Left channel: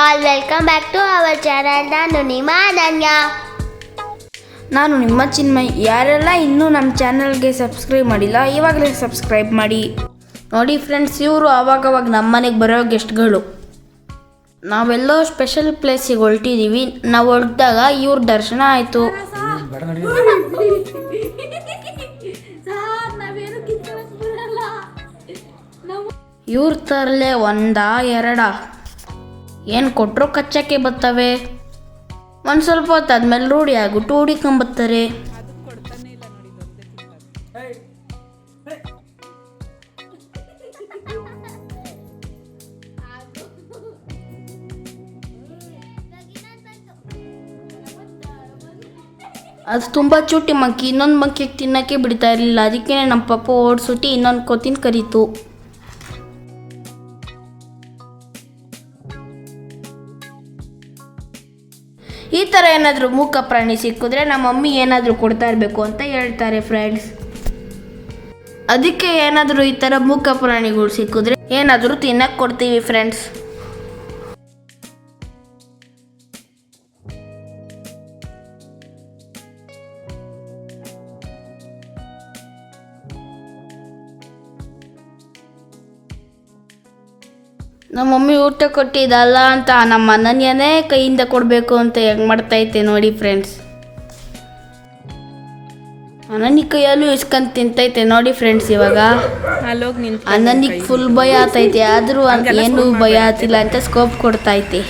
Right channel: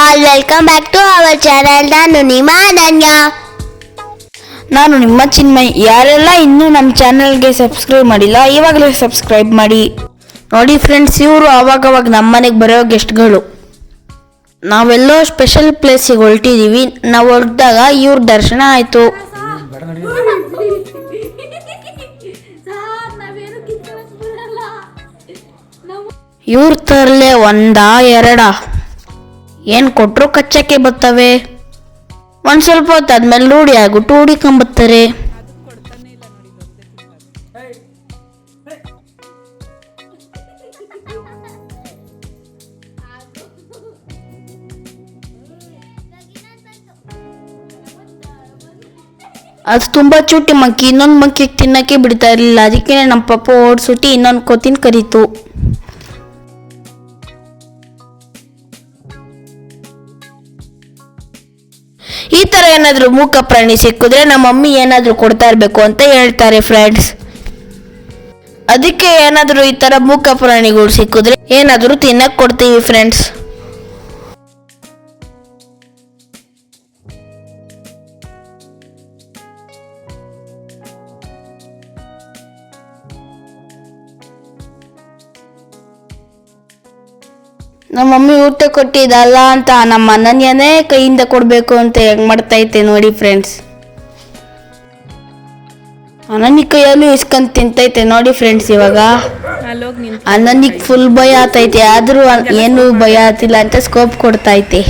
All welcome back to our channel. ನಾನು ನಿಮ್ಮ ಚಿನ್ಮಯ್. ಯಾರೆಲ್ಲ ಇನ್ನೂ ನಮ್ಮ ಚಾನಲ್ಗೆ ಸಬ್ಸ್ಕ್ರೈಬ್ ಮಾಡಿಲ್ಲ, ಇವಾಗಲೇ ಸಬ್ಸ್ಕ್ರೈಬ್ ಮಾಡಿ. ನೋಡಿ ಫ್ರೆಂಡ್ಸ್, ಇವರು ಅವಾಗವಾಗ ನಮ್ಮ ಮನೆಗೆ ಬರೋ ಗೆಸ್ಟ್ಗಳು. ನಾವೆಲ್ಲೋ ಸ್ಪೆಷಲ್ ಪ್ಲೇಸಿಗೆ ಹೊರಟಿದ್ದೀವಿ. ನಾವು ಹೊರಟಾಗ ಇವ್ರ ದರ್ಶನ ಆಯಿತು. ಇವ್ರ ತರಲೆ ಒಂದಾ ಎರಡ ಏನು ಕೊಟ್ಟರು ಕಚ್ಚಕ್ಕೆ ಬರ್ತವೆ. ಒಂದು ಸ್ವಲ್ಪ ಹೊತ್ತಾದ್ಮೇಲೆ ರೂಢಿ ಆಗ್ಬಿಟ್ಟು ಹುಡಿಕೊಂಬತ್ತಾರೆ. ಅದು ತುಂಬ ಚುಟ್ಟಿ ಮಂಕಿ, ಇನ್ನೊಂದು ಮಂಕಿಗೆ ತಿನ್ನಕ್ಕೆ ಬಿಡ್ತಾ ಇರಲಿಲ್ಲ. ಅದಕ್ಕೆ ನಮ್ಮ ಪಪ್ಪ ಓಡಿಸುಟ್ಟಿ ಇನ್ನೊಂದು ಕೋತಿನ ಕರೀತು. ಈ ಥರ ಏನಾದರೂ ಮೂಕ ಪ್ರಾಣಿ ಸಿಕ್ಕಿದ್ರೆ ನಮ್ಮ ಮಮ್ಮಿ ಏನಾದರೂ ಕೊಡ್ತಾ ಇರಬೇಕು ಅಂತ ಹೇಳ್ತಾರೆ ಫ್ರೆಂಡ್ಸ್. ಅದಕ್ಕೆ ಏನಾದರೂ ಈ ಥರ ಮೂಕ ಪ್ರಾಣಿಗಳು ಸಿಕ್ಕಿದ್ರೆ ಏನಾದರೂ ತಿನ್ನಕ್ಕೆ ಕೊಡ್ತೀವಿ ಫ್ರೆಂಡ್ಸ್. ನಮ್ಮ ಮಮ್ಮಿ ಊಟ ಕೊಟ್ಟಿದ್ದಲ್ಲ ಅಂತ ನಮ್ಮ ಅನನ್ಯನೇ ಕೈಯಿಂದ ಕೊಡಬೇಕು ಅಂತ ಹೆಂಗೆ ಮಾಡ್ತೈತೆ ನೋಡಿ ಫ್ರೆಂಡ್ಸ್. ಅನನ್ಯ ಕೈಯಲ್ಲೂ ಇಸ್ಕೊಂಡ್ ತಿಂತೈತೆ ನೋಡಿ ಫ್ರೆಂಡ್ಸ್. ಇವಾಗ ಅನನ್ಯಗ್ ಫುಲ್ ಭಯ ಆತೈತೆ, ಆದರೂ ಏನು ಭಯ ಆತಿಲ್ಲ ಅಂತ ಸ್ಕೋಪ್ ಕೊಡ್ತೈತೆ.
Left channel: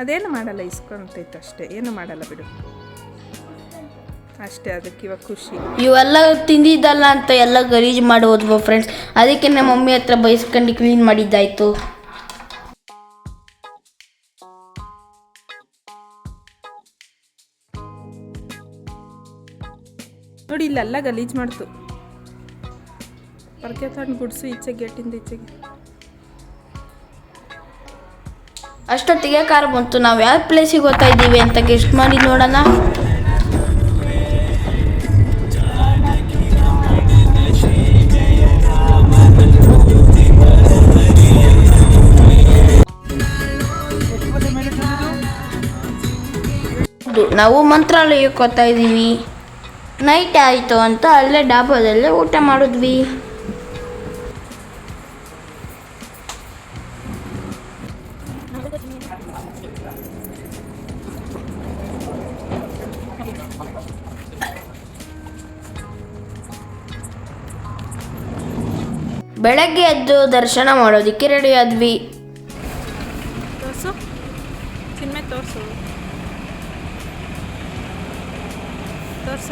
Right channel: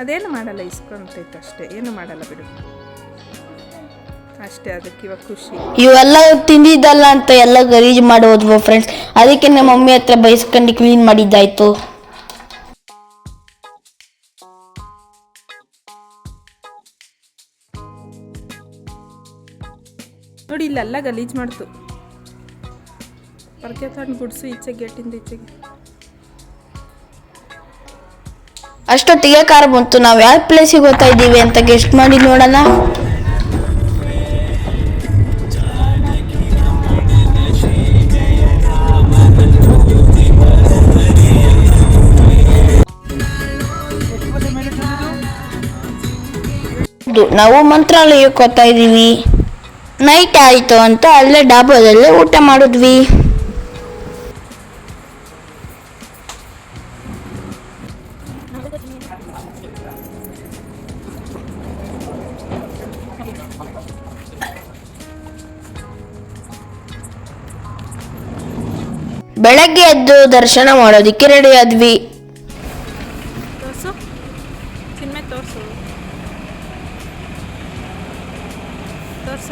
ಅದೇನು ಮಾಡಲ್ಲ, ಇಸ್ಕೊಂತೈತೆ ಅಷ್ಟೇ, ಏನು ಮಾಡಲ್ಲ ಬಿಡು ಅಷ್ಟೇ. ಅದಕ್ಕೆ ಇವಾಗ ಖುಷಿ. ಇವೆಲ್ಲ ತಿಂದಿದ್ದಲ್ಲ ಅಂತ ಎಲ್ಲ ಗಲೀಜು ಮಾಡೋದ್ವು ಫ್ರೆಂಡ್ಸ್. ಅದಕ್ಕೆ ನಮ್ಮ ಮಮ್ಮಿ ಹತ್ರ ಬೈಸ್ಕೊಂಡು ಕ್ಲೀನ್ ಮಾಡಿದ್ದಾಯ್ತು. ನೋಡಿ ಇಲ್ಲೆಲ್ಲ ಗಲೀಜು ಮಾಡ್ತು. ಪರ್ಕೆ ತಂದು ಗುಡ್ಸು ಈಚೆಗೆ, ಗೇಟಿಂದ ಈಚೆಗೆ. ಅಷ್ಟೊತ್ತಿಗೆ ಕಾರ್ ಬಂತು. ನಾವು ಯಾವ ಪ್ಲೇಸಿಗೆ ಹೋಗ್ತಾ ಇದ್ದೀವಿ ಅಂತ ಗೆಸ್ಟ್ ಮಾಡಿ ನೋಡೋಣ. ನಾವು ಮಂತ್ರಾಲಯಕ್ಕೆ ಹೋಗ್ತಾ ಇದ್ದೀವಿ. ನೈಟ್ ಆಯಿತು ಅಂತ ಅಲ್ಲೇ ಡಾಬಾದಲ್ಲೇ ಊಟ ಮಾಡಿದ್ವಿ. ಬೆಳಗ್ಗೆ ಎದ್ದು ದರ್ಶನ ಮಾಡೋದಕ್ಕೆ ರೆಡಿ ಆದ್ವಿ. ತೋರ್ಸು ಚಿನ್ಮೆ, ತೋರ್ಸು ತೋರ್ಸ.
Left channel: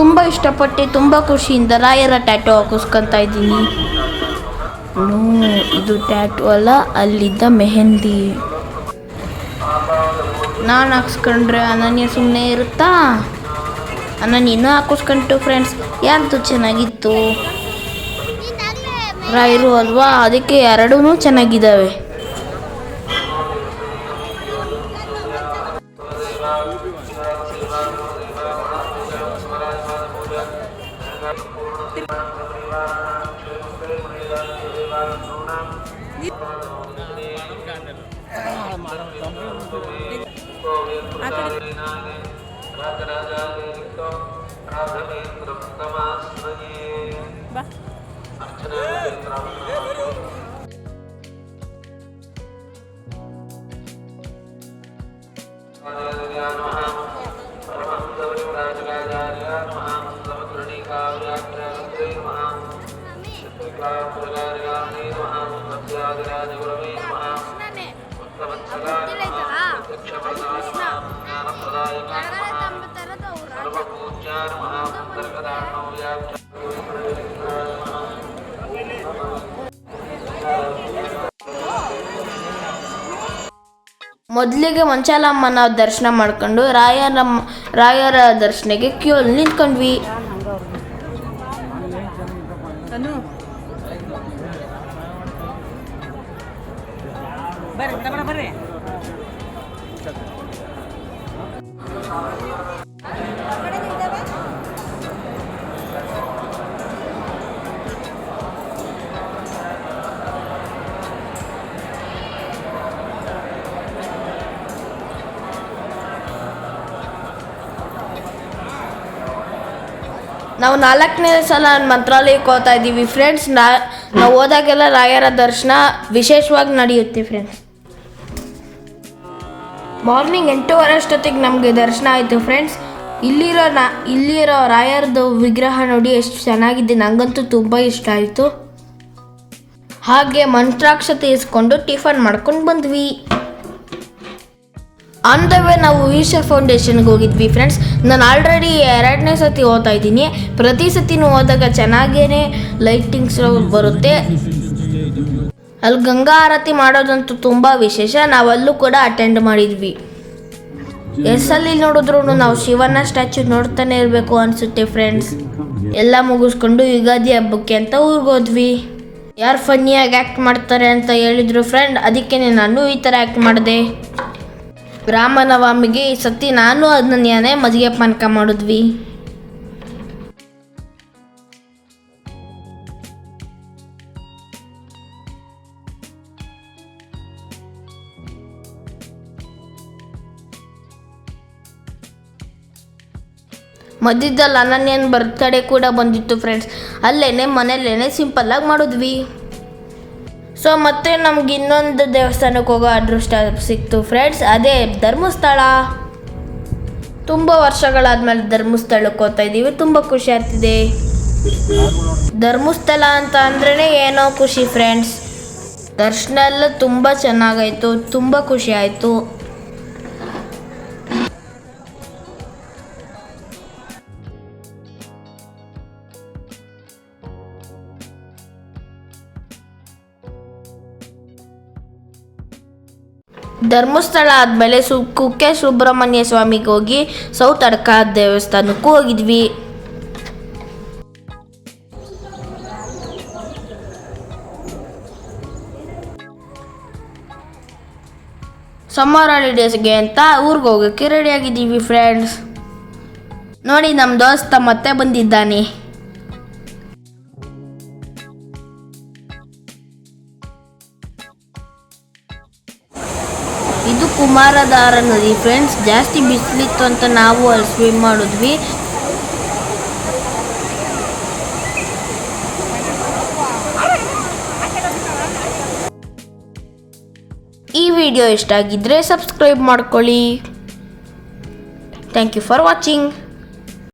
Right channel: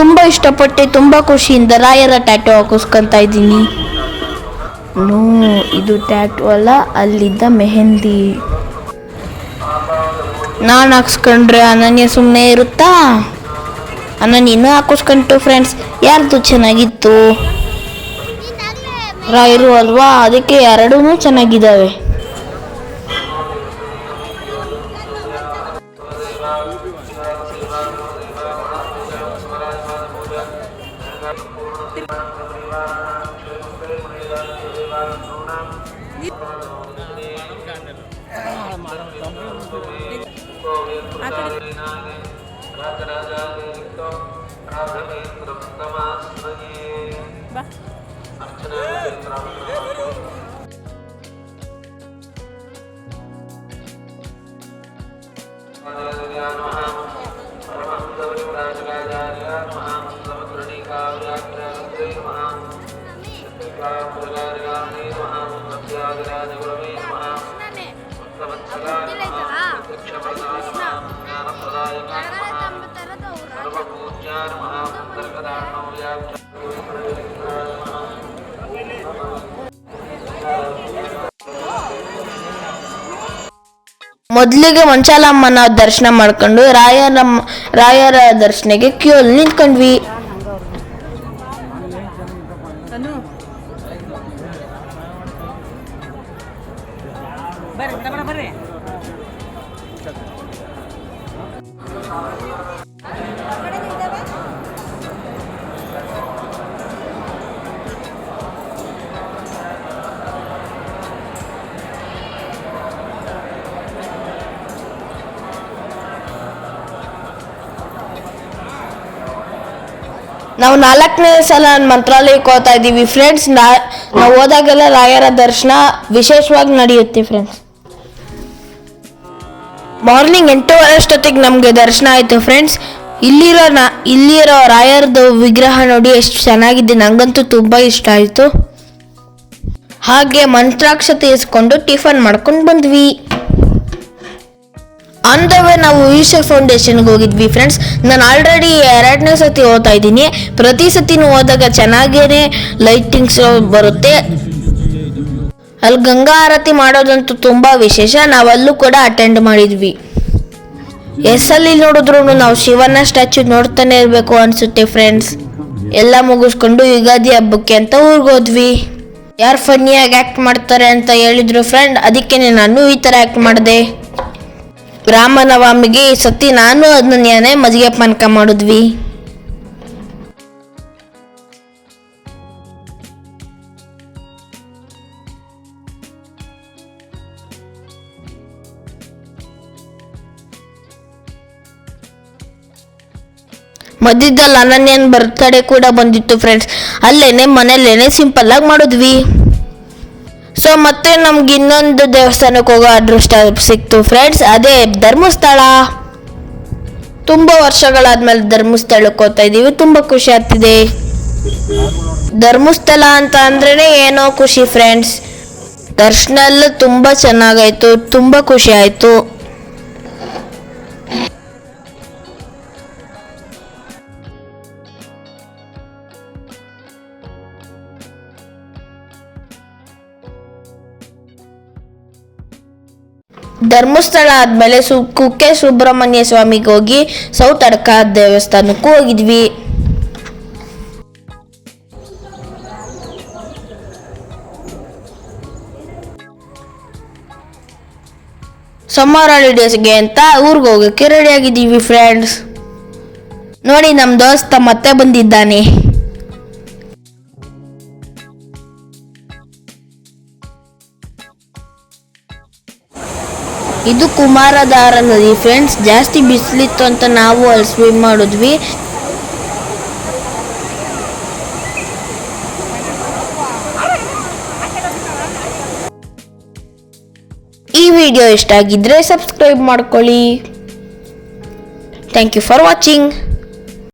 ತುಂಬ ಇಷ್ಟಪಟ್ಟು ತುಂಬ ಖುಷಿಯಿಂದ ರಾಯರ ಟ್ಯಾಟೂ ಹಾಕಿಸ್ಕೊಂತ ಇದ್ದೀನಿ. ಇದು ಟ್ಯಾಟೂ ಅಲ್ಲ, ಅಲ್ಲಿದ್ದ ಮೆಹಂದಿ. ನಾನು ಹಾಕ್ಸ್ಕೊಂಡ್ರೆ ಅನನ್ಯ ಸುಮ್ಮನೆ ಇರುತ್ತಾ? ಅನನ್ಯ ಇನ್ನೂ ಹಾಕಿಸ್ಕೊಂತು ಫ್ರೆಂಡ್ಸ್. ಯಾರ್ದು ಚೆನ್ನಾಗಿತ್ತು? ರಾಯರು ಅಲ್ವಾ, ಅದಕ್ಕೆ ಎರಡೂ ಚೆನ್ನಾಗಿದ್ದಾವೆ. ಬಾ ಮೊದಲಿಗೆ ಮಂಚಾಲಮ್ಮನ ದರ್ಶನ ಮಾಡ್ಕೊಂಡು ರಾಯರ ದರ್ಶನಕ್ಕೆ ಕ್ಯೂ ಅಲ್ಲಿ ನಿಂತ್ಕೊಂಡ್ವಿ. ನಾವು 4ನೇ ಸಲ ಮಂತ್ರಾಲಯಕ್ಕೆ ಹೋಗ್ತಾ ಇದ್ದೀವಿ ಫ್ರೆಂಡ್ಸ್. ನಾವು ಹೋದಾಗೆಲ್ಲ ರಾಯರ ದರ್ಶನ ವಿಶೇಷವಾಗಿ ನಡೆಯುತ್ತೆ ಫ್ರೆಂಡ್ಸ್. ಮಾರ್ನಿಂಗ್ 8:30 ಅಷ್ಟೊತ್ತಿಗೆ ನಮಗೆ ದರ್ಶನ ಆಯಿತು ಫ್ರೆಂಡ್ಸ್. ಇಲ್ಲಿರೋ ರಾಯರದು ವಿಗ್ರಹ ನೋಡಿ ಎಷ್ಟು ಚೆನ್ನಾಗಿದೆ, ನಂಗಂತೂ ತುಂಬ ಇಷ್ಟ ಆಯಿತು. ಹಾಗೆ ಮಂತ್ರಾಕ್ಷತೆ ಇಸ್ಕೊಂಡು ಟಿಫನ್ ಮಾಡ್ಕೊಂಡು ಬಂದ್ವಿ. ಆನ್ ದ ವೇ ನಾವು ಈಶಾ ಫೌಂಡೇಶನ್ಗೆ ಹೋಗಿದ್ವಿ ಫ್ರೆಂಡ್ಸ್. ನಾನು ಆಲ್ರೆಡಿ 2ನೇ ಸತಿ ಹೋಗ್ತಾ ಇದ್ದೀನಿ. ಪ್ರತಿ ಸತಿನೂ ಹೋದಾಗ ಚೆನ್ನಾಗೇನೆ ಲೈಟಿಂಗ್ಸ್ ಬರುತ್ತೆ. ಅಲ್ಲಿ ಗಂಗಾ ಆರತಿ ಮಾಡೋದಂತೂ ತುಂಬ ವಿಶೇಷ. ನಾವಲ್ಲೂ ಕೂಡ ಅಟೆಂಡ್ ಮಾಡಿದ್ವಿ. ಎಸ್ಸಲ್ಲಿ ನೋಡಿದ್ರು ನಾವು ಶಿವನ ಸ್ಟ್ಯಾಚ್ಯೂ ನೋಡ್ತಾನೆ ಇರಬೇಕು ಅನಿಸುತ್ತೆ ಫ್ರೆಂಡ್ಸ್. ಎಲ್ಲ ಮುಗಿಸ್ಕೊಂಡು ಯುಗಾದಿ ಹಬ್ಬಕ್ಕೆ ಅಂತ ಊರಿಗೆ ಹೋದ್ವಿ. ಯಾರು ಫನ್ನಿಯಾಗಿ ಆ್ಯಕ್ಟ್ ಮಾಡ್ತಾರೆ ಅಂತ ಹೇಳಿದ್ರು ಫ್ರೆಂಡ್, ಅದಕ್ಕೆ ನಾನು ಈ ಥರ ಆ್ಯಕ್ಟ್ ಮಾಡಿದೆ. ರಾಮನವಮಿಗೆ ಈ ಸತಿ ನಾನು ಅದನ್ನೇ ಮಜ್ಜಿಗೆ ಪಾನಕ ಮಾಡಿದ್ವಿ. ಮಧ್ಯದಲ್ಲಿ ಅನನ್ಯನ್ ಬರ್ತಡೇ ಕೂಡ ಬಂದಿತ್ತು ಫ್ರೆಂಡ್ಸ್. ಮನೇಲೇನೆ ಸಿಂಪಲ್ ಆಗಿ ಮಾಡಿದ್ವಿ. ಸೊ ಮತ್ತೆ ನಮ್ಗೆ ಇನ್ನೊಂದು ದೇವಸ್ಥಾನಕ್ಕೆ ಹೋಗೋ ಅದೃಷ್ಟ ಸಿಕ್ತು ಫ್ರೆಂಡ್ಸ್. ಅದೇ ಧರ್ಮಸ್ಥಳ. ತುಂಬ ವರ್ಷಗಳಾದ್ಮೇಲೆ ಧರ್ಮಸ್ಥಳಕ್ಕೆ ಹೋಗ್ತಾ ಇದ್ದೀವಿ. ತುಂಬ ಖುಷಿ ಆಗ್ತಿದೆ. ಧರ್ಮಸ್ಥಳ ಅಂತ ಅಂದ್ರೇ ಏನೋ ಖುಷಿ ಫ್ರೆಂಡ್ಸ್. ದರ್ಶನ ಎಲ್ಲ ತುಂಬ ಚೆನ್ನಾಗಾಯ್ತು, ತುಂಬ ಖುಷಿ ಆಯಿತು. ಧರ್ಮಸ್ಥಳ ಆದಮೇಲೆ ಕುಕ್ಕೆ ಸುಬ್ರಹ್ಮಣ್ಯ ಸ್ವಾಮಿಗೆ ಹೋಗಿ ಸೌತ್ ಅಡ್ಕ ದೇವಸ್ಥಾನಕ್ಕೂ ಹೋಗಿದ್ವಿ. ಸಮ್ಮರ್ ಹಾಲಿಡೇಸ್ಗೆ ಅಂತ ಊರಿಗೆ ಹೋಗೋಕ್ಕೆ ರೆಡಿ ಆಗಿದ್ದೀವಿ ಫ್ರೆಂಡ್ಸ್. ನೋಡಿ ನಮ್ಮ ದೋಸ್ತ ಮತ್ತೆ ಬಂದಿದ್ದಾನೆ. ಇದು ಕುಮಾರಧಾರ ನದಿ ಫ್ರೆಂಡ್ಸ್. ಜಾಸ್ತಿ ಬಿಸಿಲಿತ್ತು ಅಂತ ನಾವು ಅಲ್ಲಿ ಸ್ವಿಮ್ ಮಾಡಿದ್ವಿ. ಈ ವಿಡಿಯೋ ಇಷ್ಟ ಆಗಿದ್ರೆ ಸಬ್ಸ್ಕ್ರೈಬ್ ಮಾಡ್ಕೊಳ್ಳಿ. Thank you for watching.